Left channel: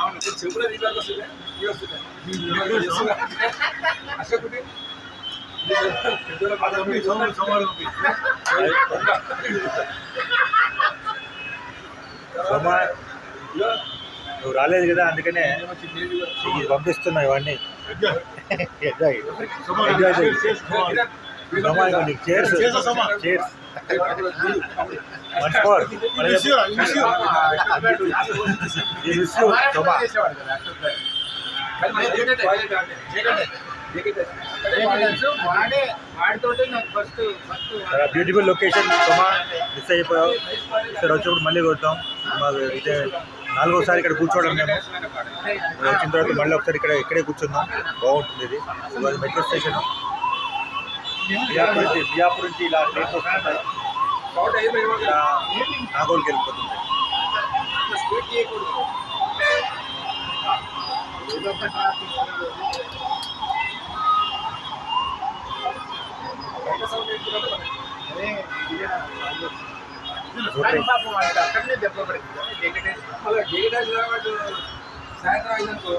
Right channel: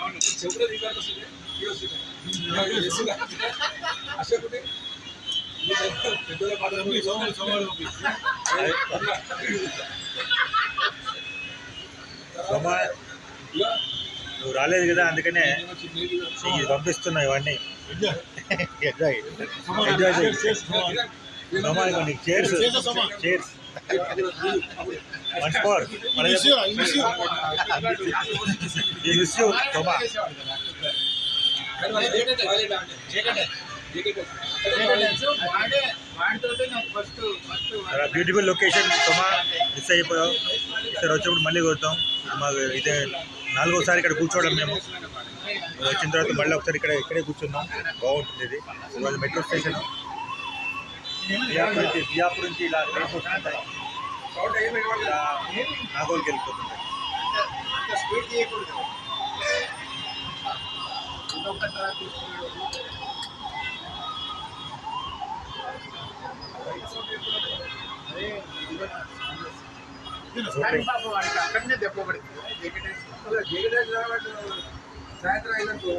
అవును చెప్పులే దీపానికి వస్తుంది ఇవి వస్తుంది అసలు పెద్దల నువ్వు రాలేదు కదా, అందుకనే పంపిస్తున్నావు ఇవన్నీ. Enjoy cheers cheers beautiful location. Suma miss అయిపోయావు, ఇక్కడ వచ్చినప్పుడు మళ్ళీ కొడతాం. మాకు ఇదే 4వ సారి ఇక్కడ కూర్చోవడం. మేము వచ్చిన తర్వాత మళ్ళీ ఒకసారి ఇక్కడే కూర్చుందాం. బాగుంటుంది. ఇది అది మెట్రో స్టేషన్. బియాపూర్ నుంచి ఇలా ట్రైన్స్ వస్తుంటాయి, నాగోల్కి వెళ్ళిపోతుంది. సాయంత్రం అయిందనుకో